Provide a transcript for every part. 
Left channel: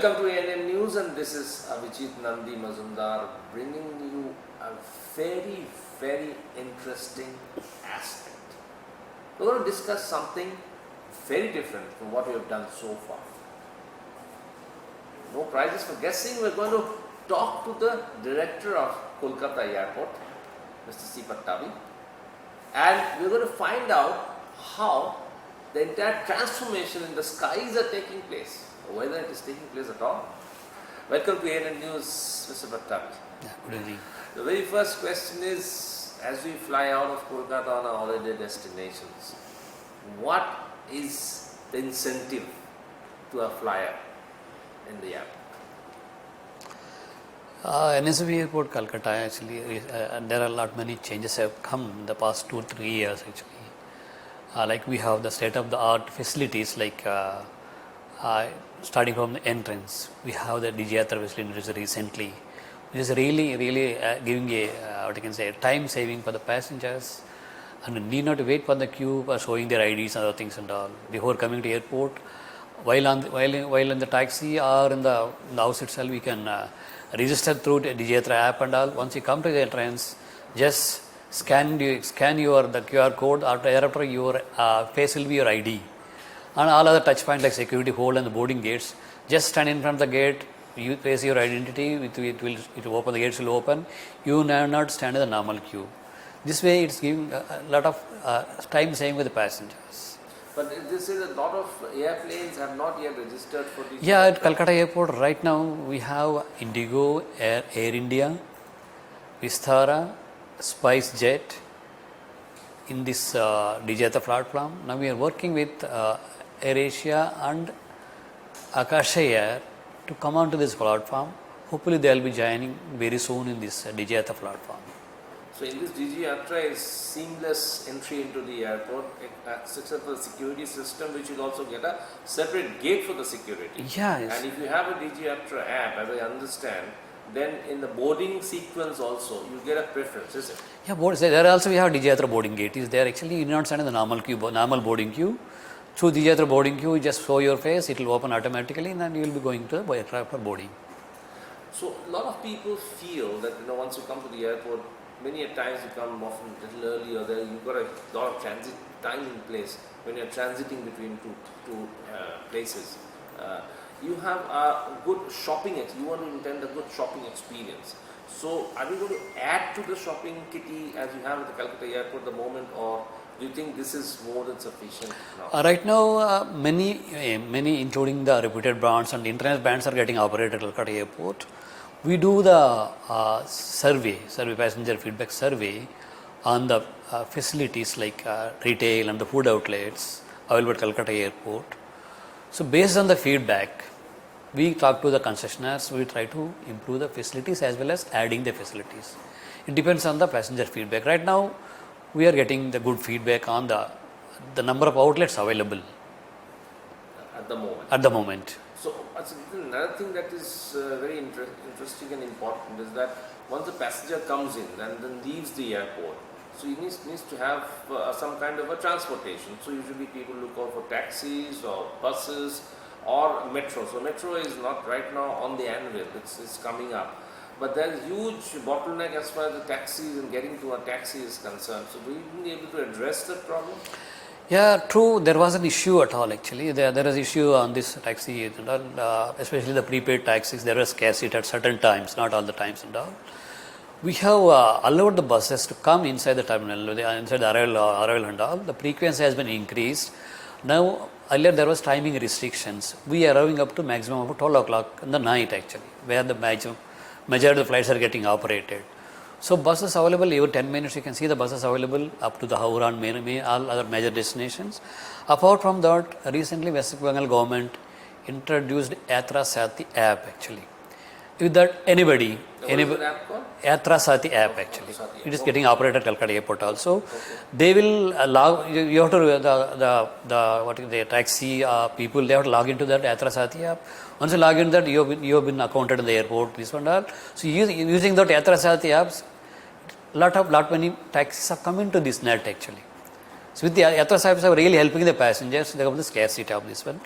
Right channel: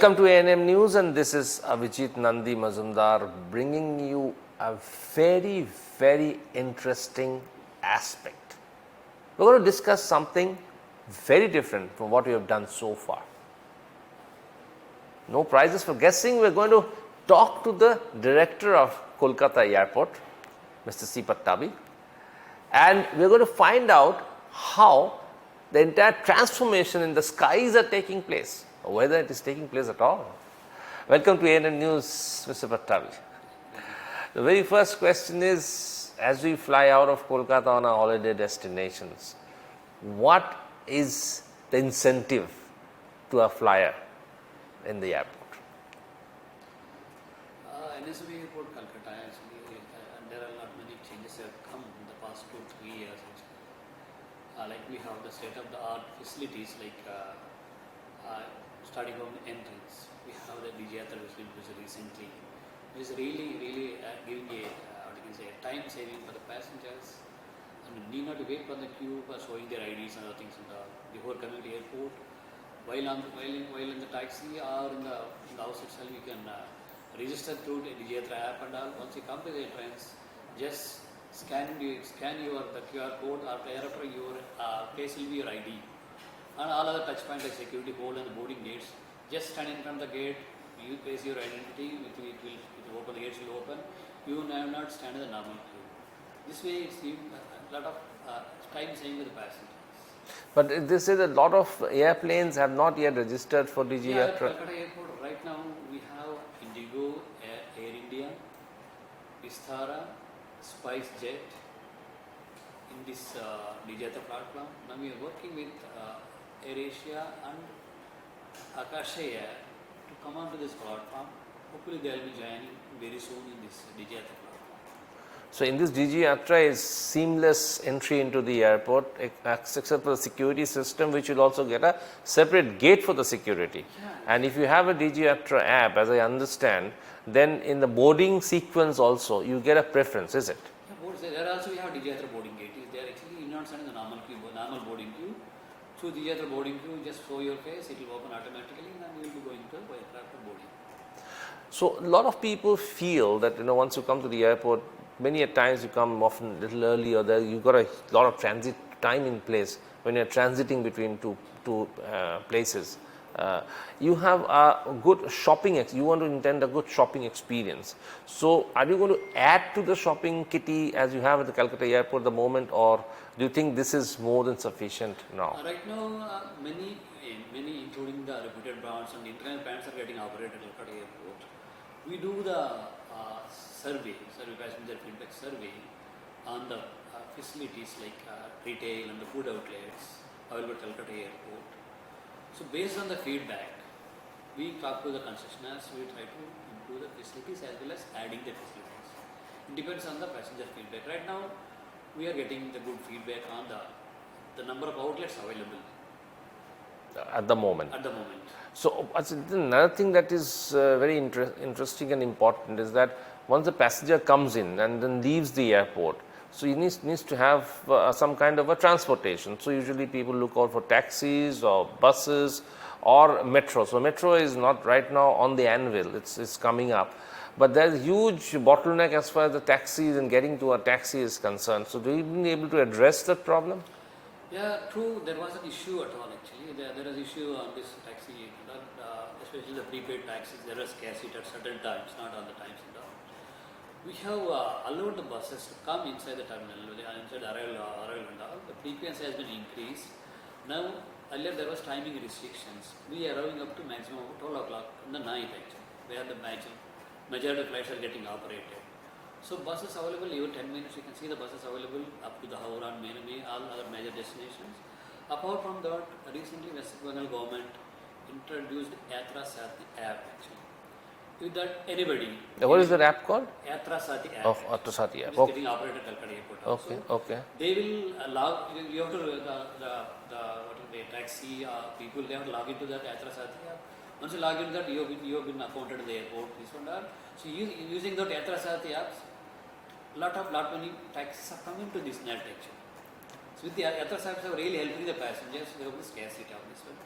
Welcome to ANM News, and this is Abhijit Nandi Mazumdar bringing you a very, very interesting aspect. We're going to discuss something very different from what we have done so far. No prizes for guessing. We're going to talk to the director of Kolkata Airport, Mr. C. Pattabi, and we're going to find out how the entire transformation in the skies are taking place, or whether it is taking place at all. Welcome to ANN News, Mr. Pattabi. Good evening. The very first question is, as we fly out of Kolkata on our holiday destinations, what is the incentive to a flyer in the airport? NSV Airport, Calcutta, actually, there are many changes have come in the past 2 or 3 years actually. Like we have the state-of-the-art facilities, like starting from the entrance, we have the Digiyatra facility recently, which is really giving a what you can say, time saving for the passengers, and need not wait for the queue for showing their IDs and other things and all before coming to airport. While in the taxi or in the house itself, we can register through the Digiyatra app and all. Once you come to the entrance, just scan the QR code. Thereafter, your face will be your ID, and all other touch points like security hold and the boarding gates. Just stand in front of the gate. You place your identity. It will open. The gates will open. You need not stand in the normal queue. This way, it's giving a lot of time saving with the passengers. But they say that a lot of airplanes have not yet registered for Digiyatra. Yeah, at Calcutta Airport right now we have Indigo, Air India, Vistara, SpiceJet in this Digiyatra platform. Now we are working with AirAsia and Akasha Air to come onto this platform. Hopefully they will be joining very soon in this Digiyatra platform. So in this Digiyatra is seamless entry into the airport, except for the security system, which will also get a separate gate for the security. Yeah, yes. And if you have a Digiyatra app, as I understand, then in the boarding sequence also, you get a preference, is it? Yeah, there also we have Digiyatra boarding gate. Is there actually you do not stand in the normal boarding queue. Through Digiyatra boarding queue, you just show your face, it will open automatically, and then you will be going to the aircraft for boarding. So a lot of people feel that once you come to the airport, many a times you come often a little early, or you've got a lot of transit time in place when you're transiting between two places. You have a good shopping, you want to intend a good shopping experience. So are you going to add to the shopping kitty as you have at the Calcutta Airport at the moment, or do you think this is more than sufficient now? Right now, many including the reputed brands and internet brands are getting operated at Calcutta Airport. We do the survey passenger feedback survey on the facilities like retail and the food outlets available at Calcutta Airport. So based on the feedback, we talk to the concessionaires, we try to improve the facilities as well as adding the facilities. It depends on the passenger feedback. Right now, we are getting the good feedback on the number of outlets available. At the moment. So another thing that is very interesting and important is that once the passenger comes in and then leaves the airport, so he needs to have some kind of a transportation. So usually people look out for taxis or buses or metro. So metro is not right now on the anvil, it's coming up. But there is huge bottleneck as far as the taxis and getting to a taxi is concerned. So do you be able to address that problem? Yeah, true. There was an issue at all actually. There is issue on this taxi, especially the prepaid taxis. There was scarcity at certain times, not all the times and all. We have allowed the buses to come inside the terminal, inside the arrival and all. The frequency has been increased. Now, earlier there was timing restrictions. We are arriving up to maximum of 12 o'clock in the night actually, where the majority of the flights are getting operated. So buses available every 10 minutes, you can see the buses available up to the Howrah and all other major destinations. Apart from that, recently West Bengal government introduced Yatra Sati app actually. With that, anybody. What is the app called? Yatra Sati app actually. Sati app. It is getting operated at Calcutta Airport also. Okay. They will allow, you have to, the taxi people, they have to log into that Yatra Sati app. Once you log into that, you have been accounted in the airport, this one and all. So using that Yatra Sati apps, lot many taxis have come into this net actually. So with the Yatra apps are really helping the passengers, they have the scarcity of this one.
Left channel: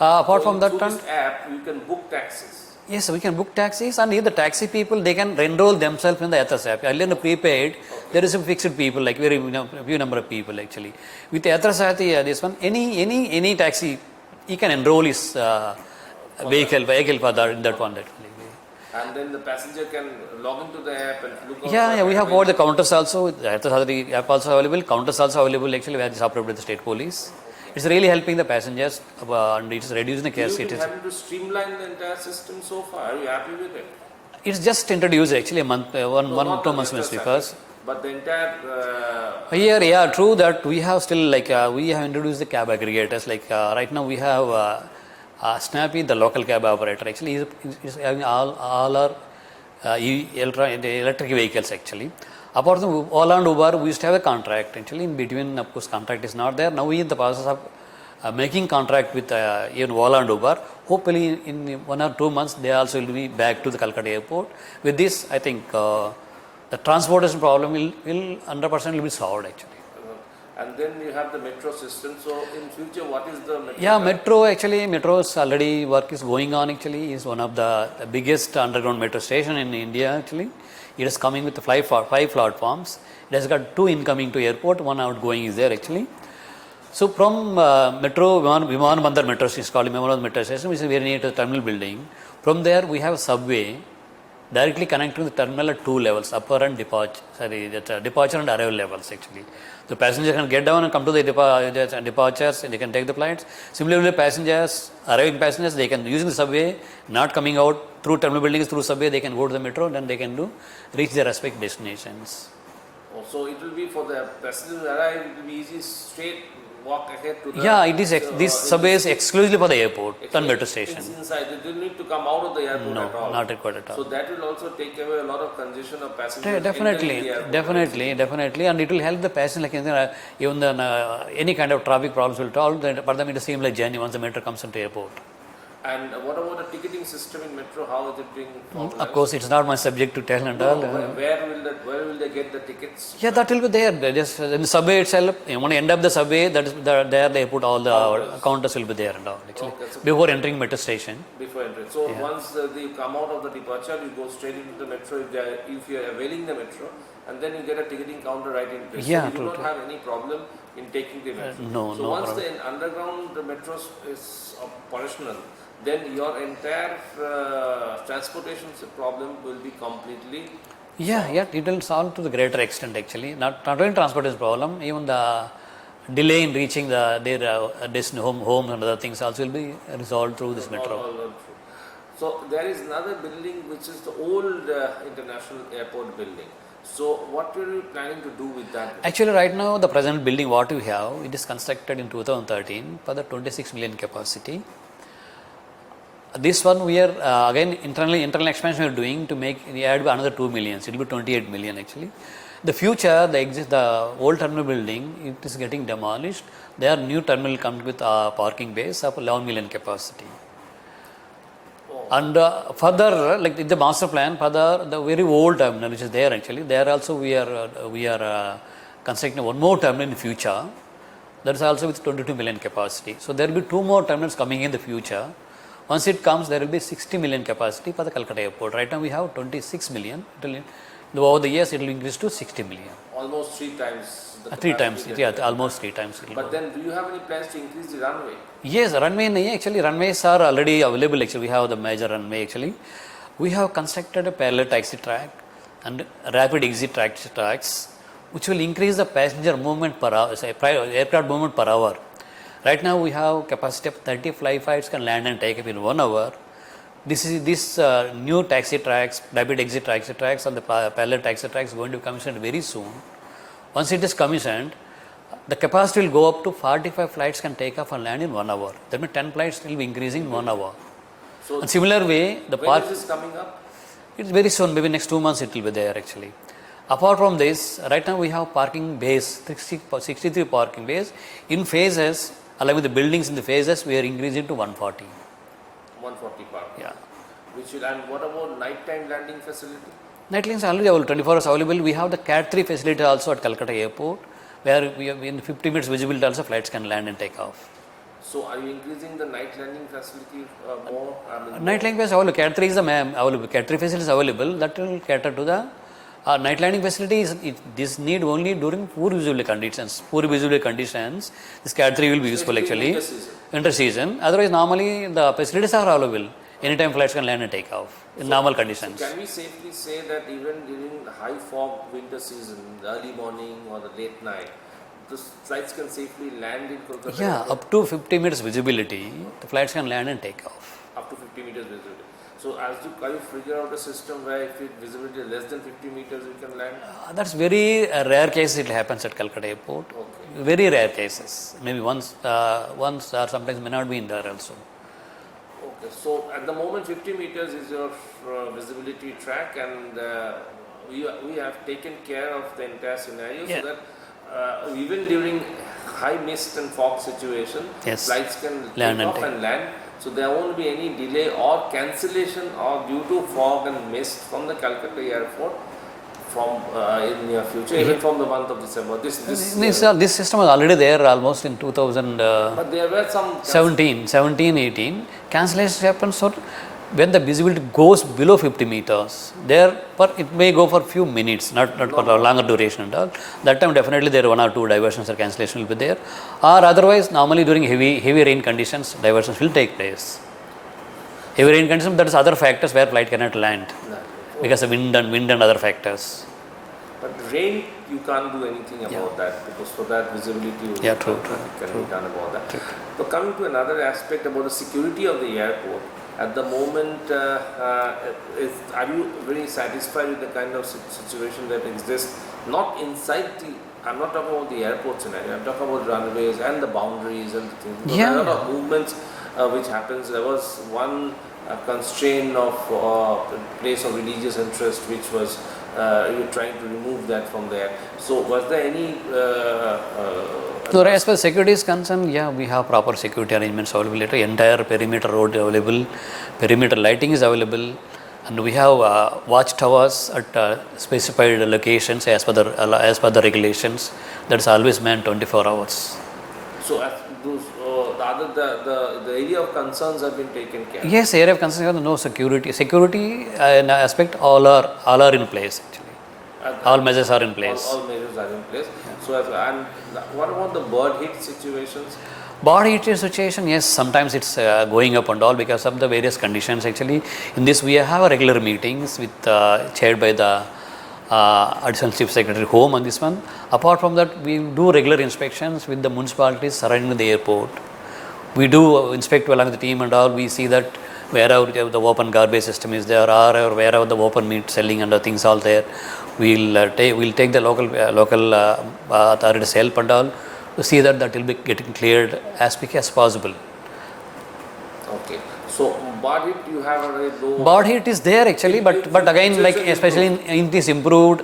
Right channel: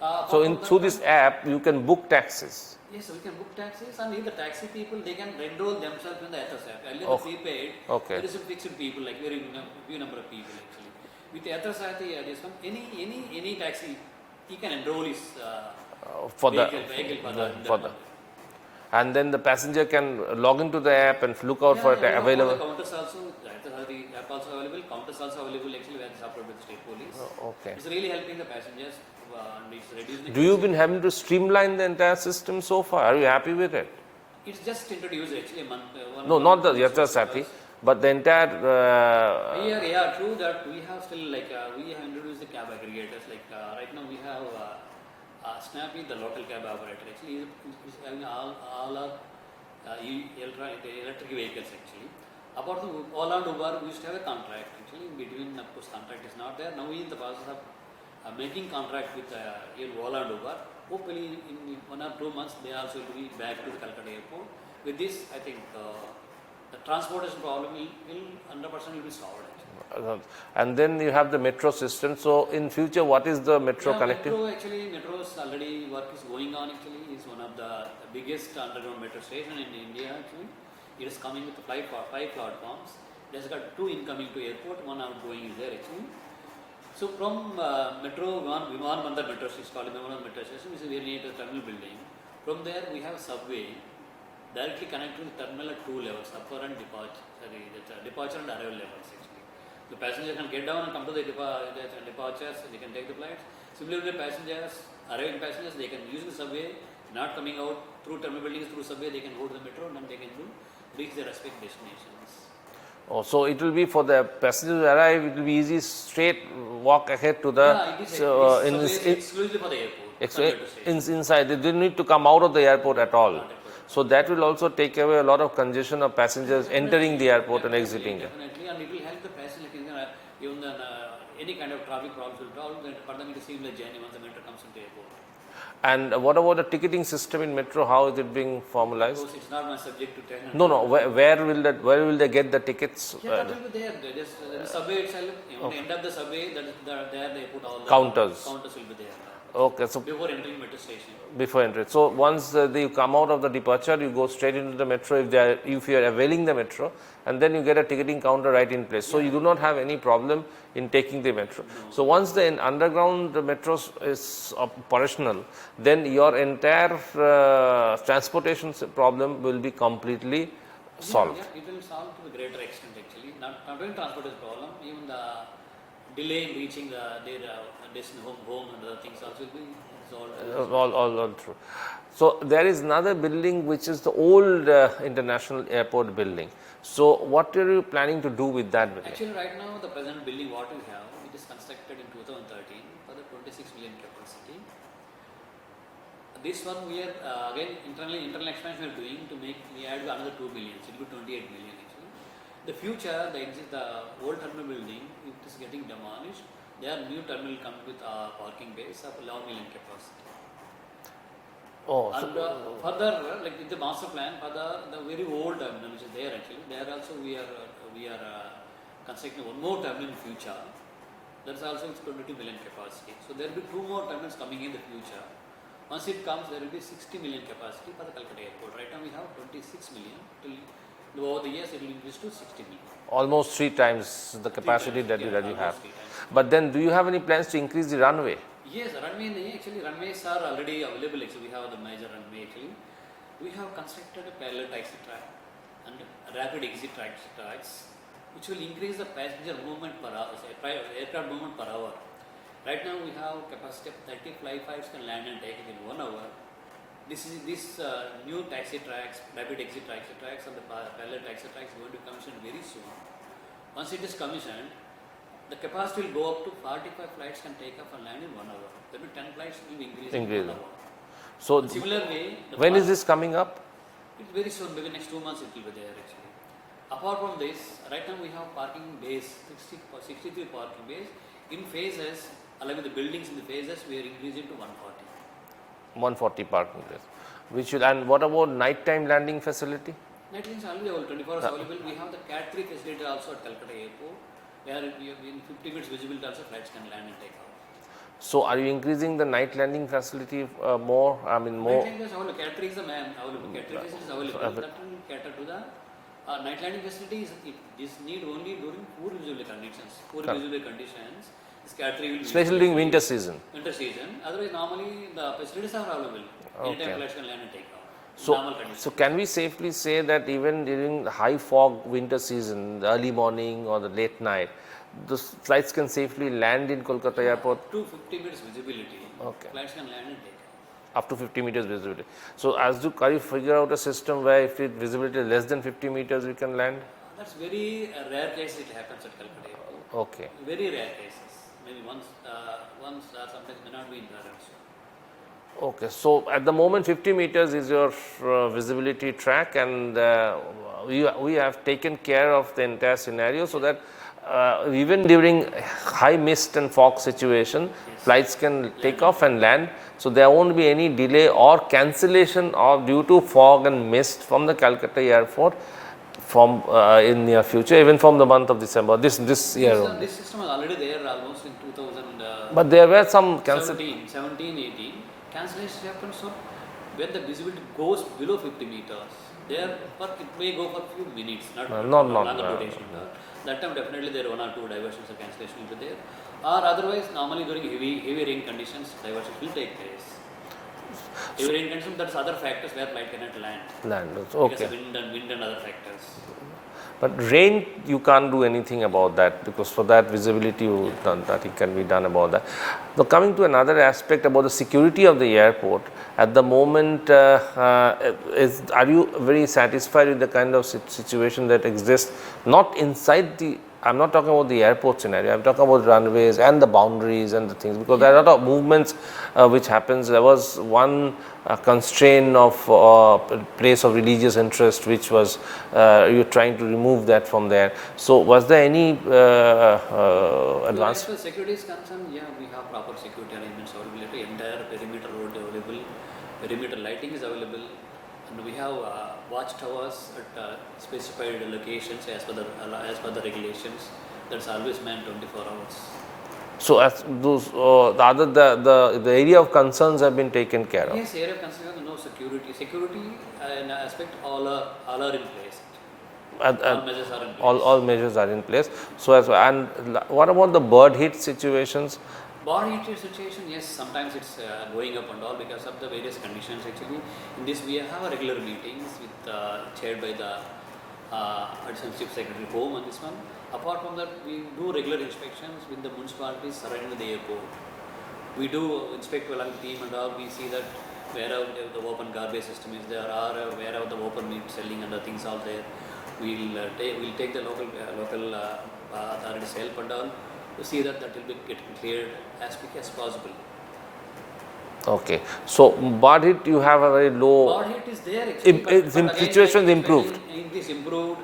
Apart So from that, through this app, you can book taxis. yes, we can book taxis, and the taxi people, they can enroll themselves in the Athas app. Earlier in the prepaid, there is a fixed people, like very few number of people actually. With the Athas app, this one, any taxi, he can enroll his vehicle for that, in that one. And then the passenger can log into the app and look out for Yeah, we have got the available- counters also. The Athas app also available. Counters also available actually, where it is operated by the state police. It's really helping the passengers, and it's reducing the You've gas. been having to streamline the entire system so far. Are you happy with it? It's just introduced actually a month, one No, not 2 the months Yatra because. Saki, but the entire. Here, yeah, true that we have still like we have introduced the cab aggregators. Like right now we have Snappy, the local cab operator. Actually, is having all our the electric vehicles actually. Apart from Ola and Uber, we used to have a contract actually. In between, of course, contract is not there. Now we in the process of making contract with even Ola and Uber. Hopefully, in 1 or 2 months, they also will be back to the Calcutta airport. With this, I think the transportation problem will 100% will be solved actually. And then you have the metro system. So in future, what is the metro? Yeah, metro actually, metro's already work is going on actually. Is one of the biggest underground metro station in India actually. It is coming with 5 platforms. It has got 2 incoming to airport, 1 outgoing is there actually. So from metro, Viman Bandar metro station, is called Viman Bandar metro station, which is very near to the terminal building. From there, we have a subway directly connecting the terminal at 2 levels, upper and departure and arrival levels actually. The passenger can get down and come to the departures, and they can take the flights. Similarly, passengers, arriving passengers, they can using the subway, not coming out through terminal buildings, through subway, they can go to the metro, then they can reach their respective destinations. Oh, so it will be for the passengers to arrive, it will be easy, straight walk ahead to the. Yeah, it is. This subway is exclusively for the airport and metro station. Inside, they don't need to come out of the airport at all. Not required at all. So that will also take away a lot of congestion of passengers entering the airport. Definitely, and it will help the passenger. Like even any kind of traffic problems will solve. For them, it is seamless journey once the metro comes into airport. And what about the ticketing system in metro? How is it being formalized? Of course, it's not my subject to tell. No. Where will they get the tickets? Yeah, that will be there. Just in the subway itself. When you end up the subway, there they put all the counters will be there and all. Okay, so before entering metro station. Before entering. So once they come out of the departure, you go straight into the metro if you are availing the metro, and then you get a ticketing counter right in place. Yeah, so you do not have any problem in taking the metro. Once the underground metro is operational, then your entire transportation problem will be completely solved. Yeah, it will solve to the greater extent actually. Not only transportation problem, even the delay in reaching their home and other things also will be resolved through this metro. All through. So there is another building which is the old international airport building. So what are you planning to do with that building? Actually, right now the present building what we have, it is constructed in 2013 for the 26 million capacity. This one we are again internal expansion we are doing to add another 2 million. It will be 28 million actually. The future, the old terminal building, it is getting demolished. There new terminal comes with parking base of 11 million capacity. Oh. And further, like in the master plan, further the very old terminal which is there actually, there also we are constructing one more terminal in the future. That is also with 22 million capacity. So there will be 2 more terminals coming in the future. Once it comes, there will be 60 million capacity for the Calcutta airport. Right now we have 26 million. Over the years, it will increase to 60 million. Almost 3 times the capacity. 3 times, yeah, almost 3 times. But then, do you have any plans to increase the runway? Yes, runway actually, runways are already available actually. We have the major runway actually. We have constructed a parallel taxi track and rapid exit tracks, which will increase the passenger movement per hour, aircraft movement per hour. Right now, we have capacity of 30 flights can land and take up in 1 hour. This new taxi tracks, rapid exit taxi tracks and the parallel taxi tracks going to be commissioned very soon. Once it is commissioned, the capacity will go up to 45 flights can take off and land in 1 hour. That means 10 flights will be increasing in 1 hour. So, in similar way, when is this coming up? It's very soon, maybe next 2 months it will be there actually. Apart from this, right now we have parking bays, 63 parking bays. In phases, along with the buildings in the phases, we are increasing to 140. 140 parking. Yeah. And what about nighttime landing facility? Night lanes are already available, 24 hours available. We have the Cat 3 facility also at Calcutta airport, where we have in 50 minutes visibility also flights can land and take off. So are you increasing the night landing facility more? I mean, Night landing facility available. Cat 3 is available. Cat 3 facility is available. That will cater to the night landing facilities. This need only during poor visibility conditions. Poor visibility conditions, this Cat 3 will be useful actually. Winter season. Winter season. Otherwise, normally the facilities are available. Anytime flights can land and take off in normal conditions. So can we safely say that even during the high fog winter season, the early morning or the late night, the flights can safely land in Kolkata airport? Up to 50 meters visibility, the flights can land and take off. Up to 50 meters visibility. So can you figure out a system where if visibility is less than 50 meters, we can land? That's very rare cases it happens at Calcutta airport. Okay. Very rare cases. Maybe once or sometimes may not be in there also. Okay. So at the moment 50 meters is your visibility track, and we have taken care of the entire scenario so that even during high mist and fog situation, flights can take off and land. So there won't be any delay or cancellation or due to fog and mist from the Calcutta airport from in near future, even from the month of December. This system was already there almost in 2000. But there were some 17, 18 cancellations happen. So when the visibility goes below 50 meters, it may go for few minutes, not for a longer duration and all. That time definitely there are one or two diversions or cancellation will be there. Or otherwise, normally during heavy rain conditions, diversions will take place. Heavy rain conditions, that is other factors where flight cannot land. Because of wind and other factors. But rain, you can't do anything about that, because for that visibility, nothing can be done about that. Now coming to another aspect about the security of the airport, at the moment, are you very satisfied with the kind of situation that exists, not inside the, I'm not talking about the airport scenario, I'm talking about runways and the boundaries and the things, because there are a lot of movements which happens. There was one constraint of place of religious interest, which was you're trying to remove that from there. So was there any so as far as security is concerned, we have proper security arrangements available. Entire perimeter road available, perimeter lighting is available, and we have watch towers at specified locations as per the regulations. That's always manned 24 hours. So as those the area of concerns have been taken care of. Yes, area of concerns, no security. Security aspect all are in place actually. All measures are in place. All measures are in place. So and what about the bird hit situations? Bird hit situation, yes, sometimes it's going up and all because of the various conditions actually. In this we have regular meetings with chaired by the Additional Chief Secretary Home on this one. Apart from that, we do regular inspections with the municipalities surrounding the airport. We do inspect along the team and all. We see that wherever the open garbage system is there, or wherever the open meat selling and things all there, we'll take the local authorities' help and all to see that will be getting cleared as quick as possible. Okay, so bird hit, you have a very low. Bird hit is there actually, but again, like especially in this improved,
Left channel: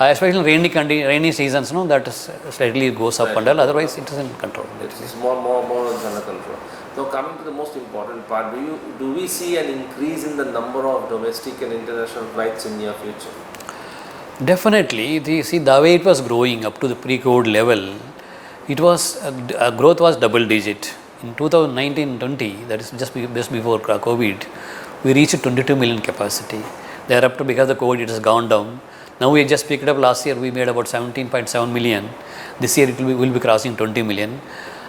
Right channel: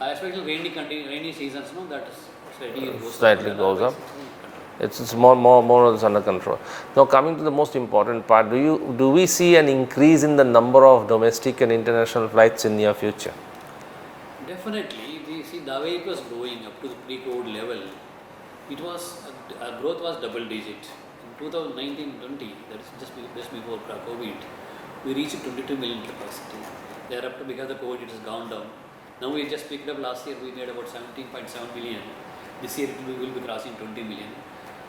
especially in rainy seasons, that is slightly goes up and all. Otherwise, it is in control. It's more or less under control. Now, coming to the most important part, do we see an increase in the number of domestic and international flights in near future? Definitely. The way it was growing up to the pre-COVID level, it was growth was double digit. In 2019-20, that is just before COVID, we reached 22 million capacity. Thereafter, because of COVID, it has gone down. Now we just picked up last year, we made about 17.7 million. This year, will be crossing 20 million.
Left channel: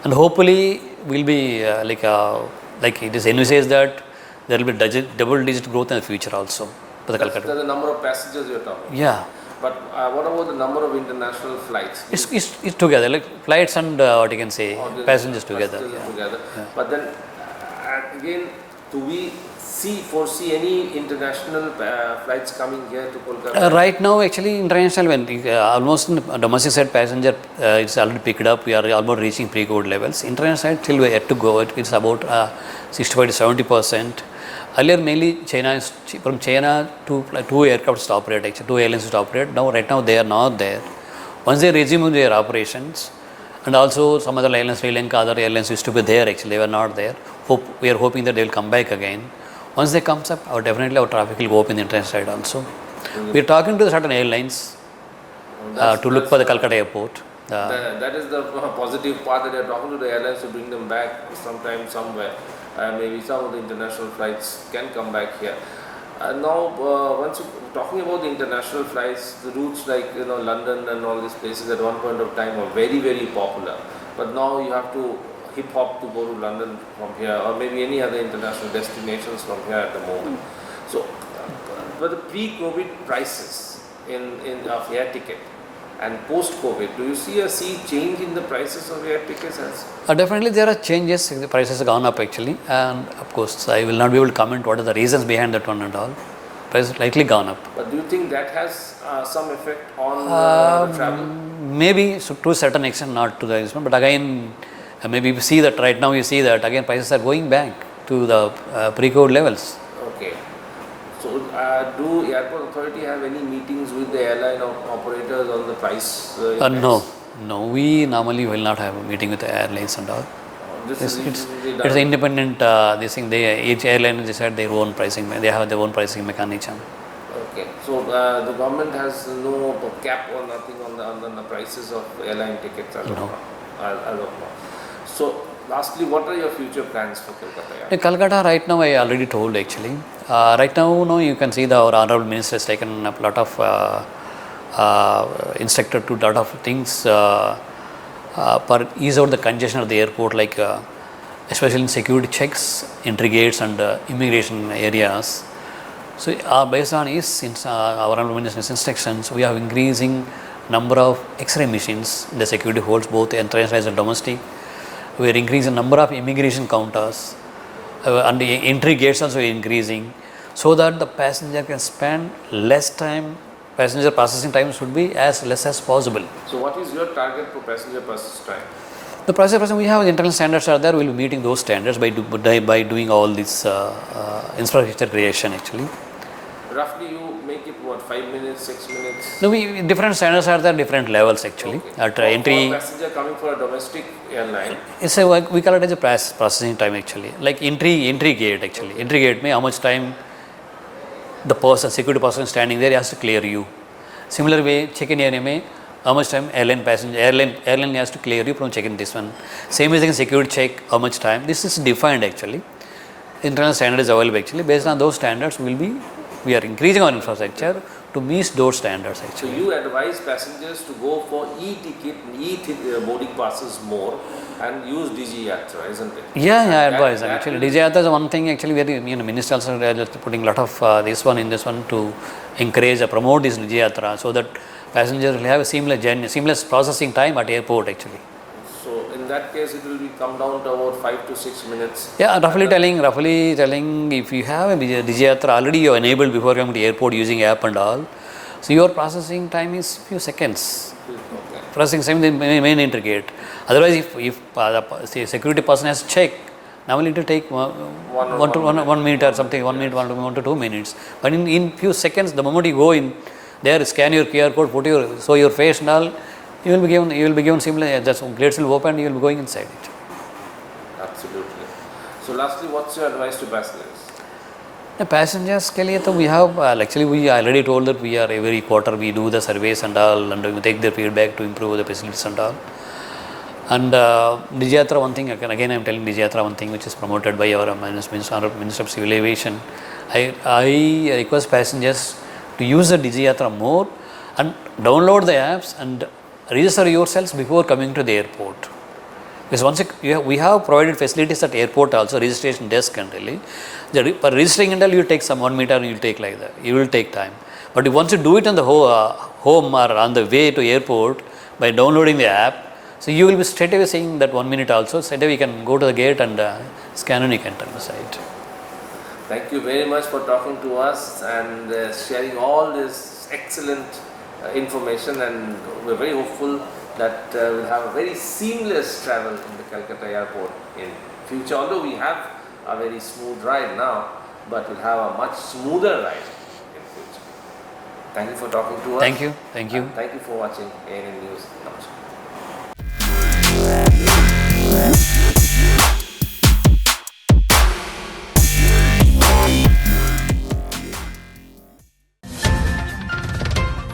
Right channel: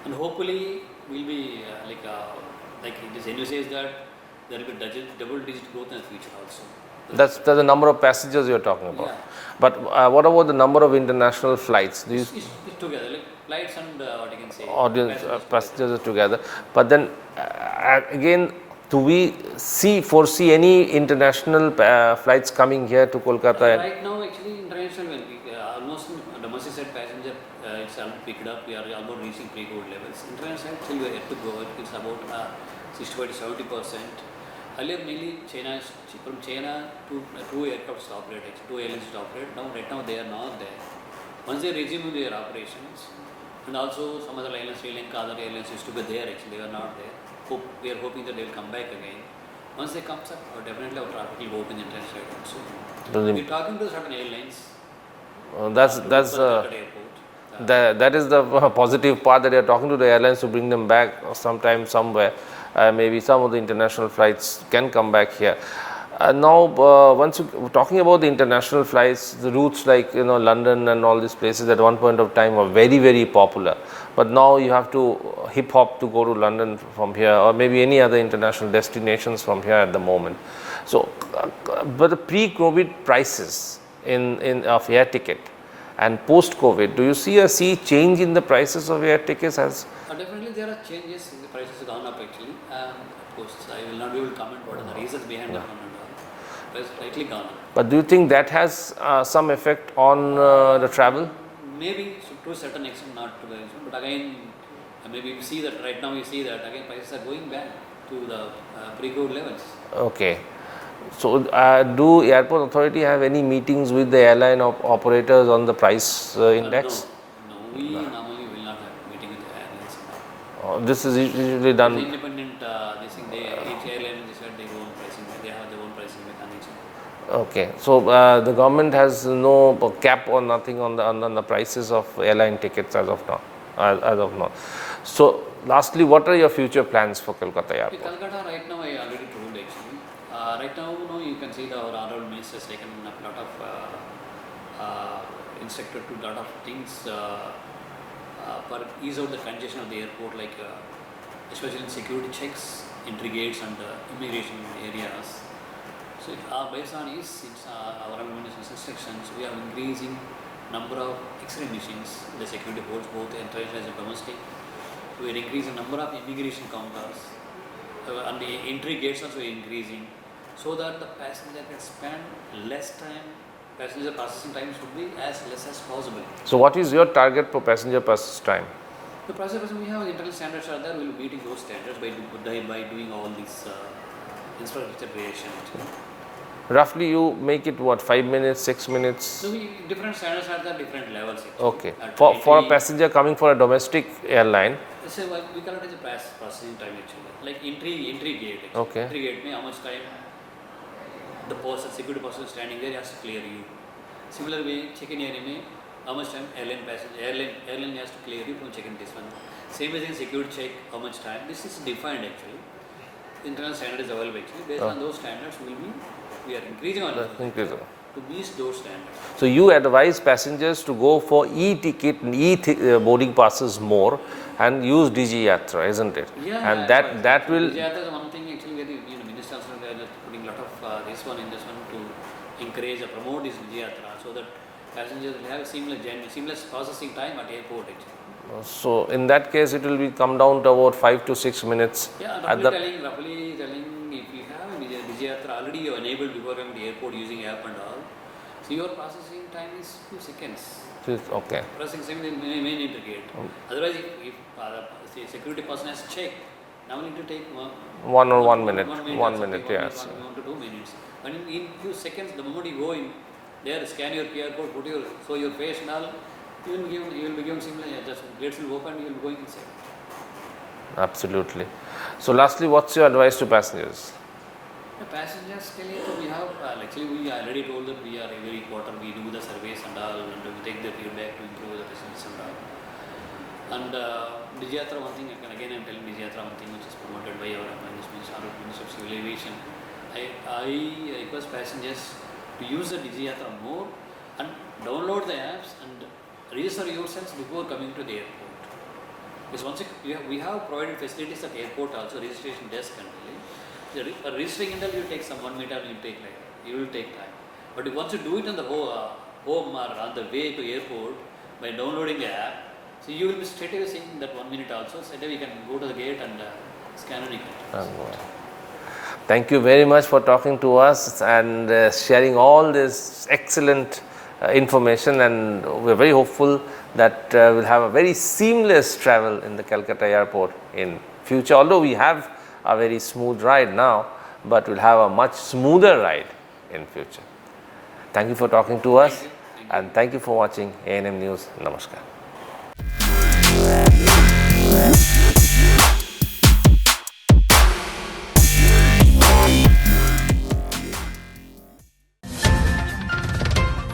And hopefully, we'll be like it is envisaged that there will be double digit growth in the future also. That's the number of passengers you're talking about. Yeah. But what about the number of international flights? It's together, like flights and what you can say, passengers together. Yeah. But then again, do we foresee any international flights coming here to Kolkata? Right now, actually, international, almost domestic side passenger, it's already picked up. We are almost reaching pre-COVID levels. International side, till we yet to go. It's about 65 to 70%. Earlier, mainly from China, two aircraft to operate, actually, two airlines to operate. Right now, they are not there. Once they resume their operations, and also some other airlines, Sri Lanka, other airlines used to be there, actually, they were not there. We are hoping that they will come back again. Once they comes up, definitely our traffic will go up in the international side also. We are talking to certain airlines to look for the Calcutta airport. That is the positive part, that you are talking to the airlines to bring them back sometime somewhere. Maybe some of the international flights can come back here. Now, once you talking about the international flights, the routes like London and all these places at one point of time were very, very popular. But now you have to hip hop to go to London from here, or maybe any other international destinations from here at the moment. So, but the pre-COVID prices of air ticket and post-COVID, do you see change in the prices of air tickets? Definitely there are changes. The prices have gone up actually, and of course I will not be able to comment what are the reasons behind that one and all. Prices likely gone up. But do you think that has some effect on the travel? Maybe to a certain extent, not to the extent, but again, maybe you see that right now. You see that again prices are going back to the pre-COVID levels. Okay. So, do airport authority have any meetings with the airline operators on the price index? No. We normally will not have a meeting with the airlines and all. This is usually done. It's independent. They think each airline decide their own pricing. They have their own pricing mechanism. Okay. So, the government has no cap or nothing on the prices of airline tickets as of now. As of now. So, lastly, what are your future plans for Kolkata Airport? Kolkata right now, I already told actually. Right now, you can see our honorable minister has taken a lot of instructed to lot of things for ease out the congestion of the airport, like especially in security checks, entry gates and immigration areas. So, based on our honorable minister's instructions, we are increasing number of X-ray machines. The security holds both international and domestic. We are increasing number of immigration counters, and the entry gates also increasing, so that the passenger can spend less time. Passenger processing time should be as less as possible. So, what is your target for passenger process time? The passenger processing, we have internal standards are there. We will be meeting those standards by doing all this infrastructure creation actually. Roughly, you make it what, 5 minutes, 6 minutes? No, different standards are there, different levels actually. Okay. For a passenger coming for a domestic airline, it's we call it as a processing time actually. Like entry gate actually. Okay. Entry gate, how much time the security person standing there has to clear you. Similar way, check-in area, how much time airline has to clear you from check-in this one. Same as in security check, how much time. This is defined actually. Internal standard is available actually. Based on those standards, we are increasing our infrastructure to meet those standards actually. So, you advise passengers to go for e-ticket and boarding passes more and use DigiYatra, isn't it? Yeah, advise. Actually, DigiYatra is one thing actually where minister also putting a lot of this one to encourage or promote this DigiYatra, so that passengers will have a seamless processing time at airport actually. So, in that case, it will come down to about 5 to 6 minutes. Yeah, roughly telling if you have a DigiYatra already you are enabled before coming to airport using app and all, so your processing time is few seconds. Okay. Processing time the main entry gate. Otherwise, if the security person has to check, normally it will take 1 minute or something, 1 minute, 1 to 2 minutes. But in few seconds, the moment you go in there, scan your QR code, show your face and all, you will be given similar. The gates will open, you will be going inside it. Absolutely. So, lastly, what's your advice to passengers? The passengers ke liye to we have actually we already told that we are every quarter we do the surveys and all, and we take their feedback to improve the facilities and all. And DigiYatra, one thing again I am telling DigiYatra one thing which is promoted by our Minister of Civil Aviation. I request passengers to use the DigiYatra more and download the apps and register yourselves before coming to the airport. Because once we have provided facilities at airport also, registration desk and really. For registering and all, you take some 1 meter, you will take like that. You will take time. But once you do it on the home or on the way to airport by downloading the app, so you will be straight away saying that 1 minute also. Straight away you can go to the gate and scan and you can turn aside. Thank you very much for talking to us and sharing all this excellent information, and we are very hopeful that we'll have a very seamless travel in the Calcutta airport in future. Although we have a very smooth ride now, but we'll have a much smoother ride in future. Thank you for talking to us. Thank you. And thank you for watching ANM News. Namaskar.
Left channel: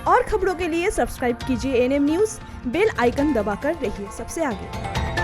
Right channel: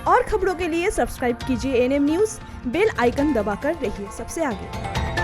और खबरों के के लिए subscribe कीजिए ANM news, bell icon दबाकर रहिए सबसे आगे।